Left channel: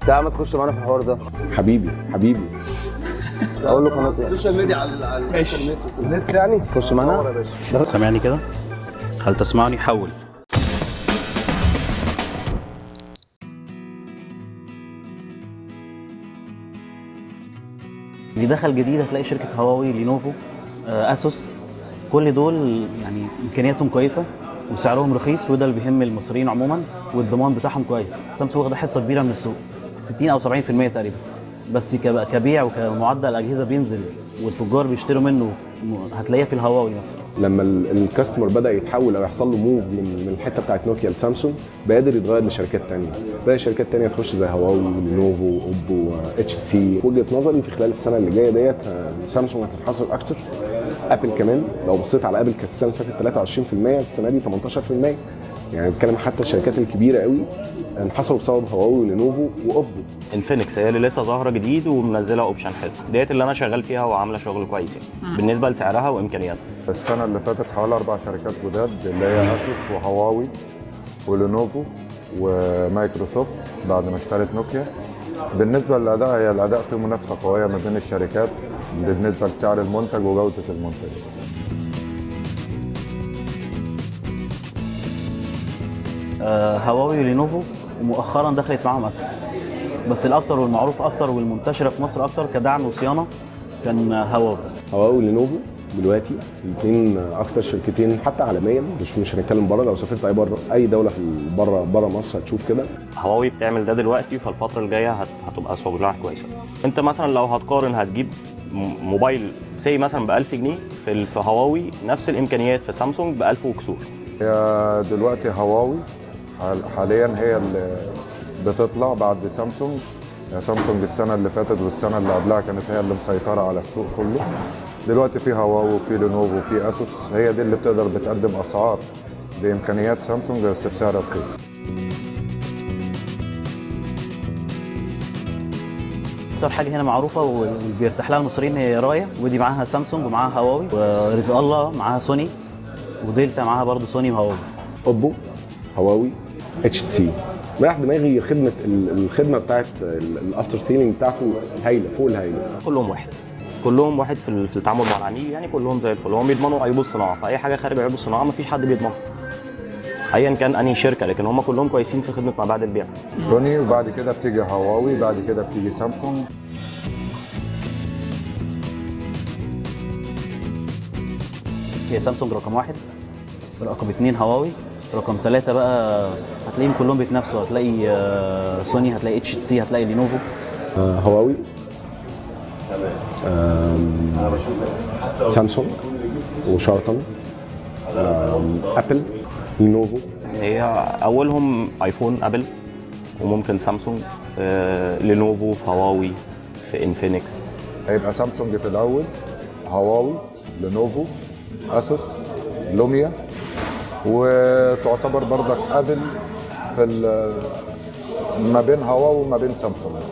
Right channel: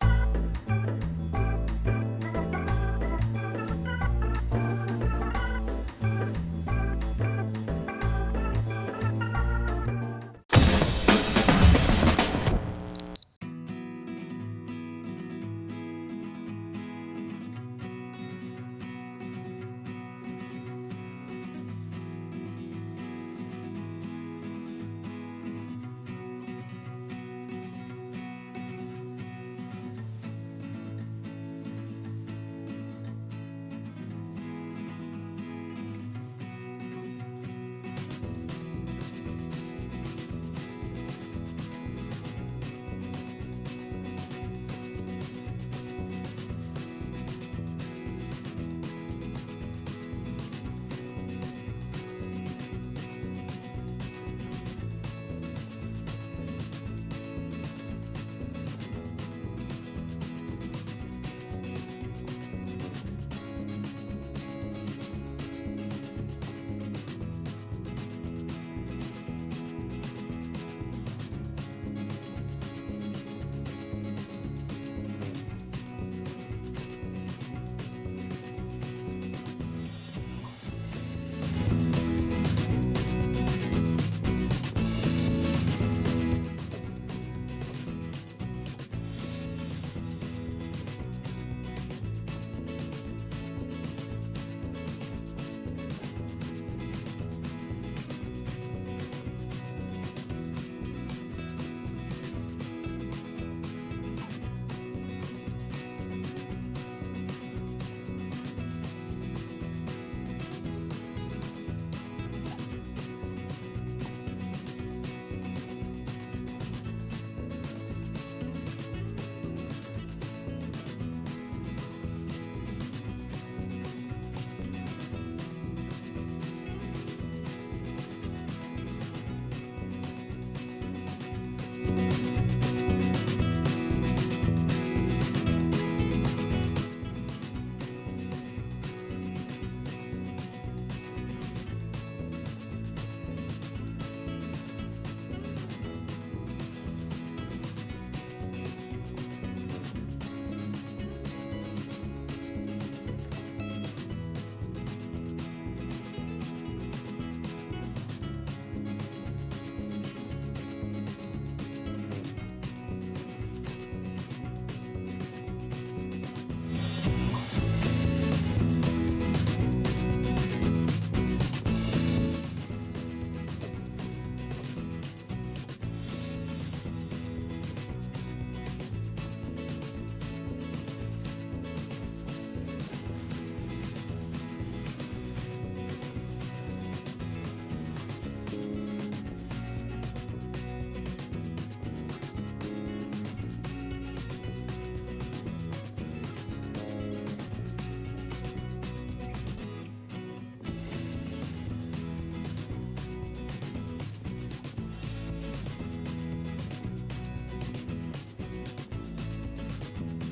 تعال ما تخش معانا في الحوار ده. حبيبي حبيبي. اقول له قناه السوشيال ميديا على الانترنت النت يعني. خش معانا. سامعني كده؟ هل تسمعني؟ حول. اللي دخل جديد هتلاقي شركة هواوي، لينوفو، اسوس، كل دول يعني امكانياتهم كويسة وسعرهم رخيص، وده اللي بيهم المصريين عموما، والضمان بتاعهم كويس. سامسونج واخده حصة كبيرة من السوق، 60 او 70% تقريبا، بس كبيع وكمعدل اجهزة بينزل والتجار بيشتروا منه هتلاقيها في الهواوي مثلا. لما الكاستمر بدا يتحول او يحصل له موف من الحته بتاعت نوكيا لسامسونج، بقدر يتغير لشركات ثانيه، بقى شركات ثانيه تخش زي هواوي، لينوفو، اوبو، اتش سي. وجهه نظري في خلال السنه اللي جايه ديت سامسونج هتنحصر اكتر. ابل كمان لو بصيت على ابل كانت السنه اللي فاتت 23%، السنه دي 18%. يعني بتكلم حتى الشركات الكبيره قوي انحصروا بسبب هواوي ولينوفو واوبو. انفينكس هي اللي لسه ظاهره جديد ومنزله اوبشن حلو، ديت اللي انا شغال فيها وعامله شغل كويس بالنسبه لسعرها وامكانياتها. السنة اللي فاتت حوالي 4 شركات جداد اللي هي اسوس وهواوي ولينوفو ومايكروسوفت بعد ما اشترت نوكيا. بالنسبة للأداء، هي الأداء فيه منافسة قوية ما بين الشركات بالنسبة لسعر المنتج وجودة المنتج. هواوي ولينوفو، ومؤخرا دخلت معاهم اسوس، بس الاكتر والمعروف اكتر والمنتشره في مصر اكتر كدعم وصيانه كان هواوي. هواوي ولينوفو دلوقتي الاثنين اكتر شركتين حتى عالميا، مش هنتكلم بره، لو سافرت اي دوله في بره مصر هتشوف كده. هواوي بتعمل ده دلوقتي، فالفتره الجايه هتبقى شغلها كويسه. انت مثلا لو هتقارن هتجيب موبايل سي مثلا ب 1000 جنيه في هواوي، نفس الامكانيات في سامسونج ب 1000 وكسور. هي دلوقتي هواوي حاليا هي اللي بتطلع بعد سامسونج. يعني سامسونج السنة اللي فاتت والسنة اللي قبلها كانت هي اللي مسيطرة على السوق كله. دلوقتي في هواوي وفي لينوفو وفي اسوس، هي دي اللي بتقدر بتقدم اسعار بامكانيات سامسونج بس بسعر رخيص. اكتر حاجه هنا معروفه وبيرتاح لها المصريين هي رايه، ودي معاها سامسونج ومعاها هواوي، ورزق الله معاها سوني، ودلتا معاها برضه سوني وهواوي. اوبو، هواوي، اتش سي. مريح دماغي الخدمه بتاعت الافتر سيلينج بتاعته هايله فوق الهايله. كلهم واحد، كلهم واحد في التعامل مع العميل، يعني كلهم زي الفل. هم بيضمنوا عيوب الصناعه، فاي حاجه خارج عيوب الصناعه مفيش حد بيضمنها ايا كان انهي شركه، لكن هم كلهم كويسين في خدمه ما بعد البيع. سوني وبعد كده بتيجي هواوي، بعد كده بتيجي سامسونج. هي سامسونج رقم واحد، رقم اثنين هواوي، رقم ثلاثة بقى هتلاقيهم كلهم بيتنافسوا، هتلاقي سوني، هتلاقي اتش سي، هتلاقي لينوفو. هواوي، سامسونج وشارتن، ابل، لينوفو. هي اولهم ايفون ابل، وممكن سامسونج، لينوفو، هواوي، انفينكس. هيبقى سامسونج في الاول، هواوي، لينوفو، اسوس، لوميا، وتعتبر برضك ابل في ما بين هواوي وما بين سامسونج.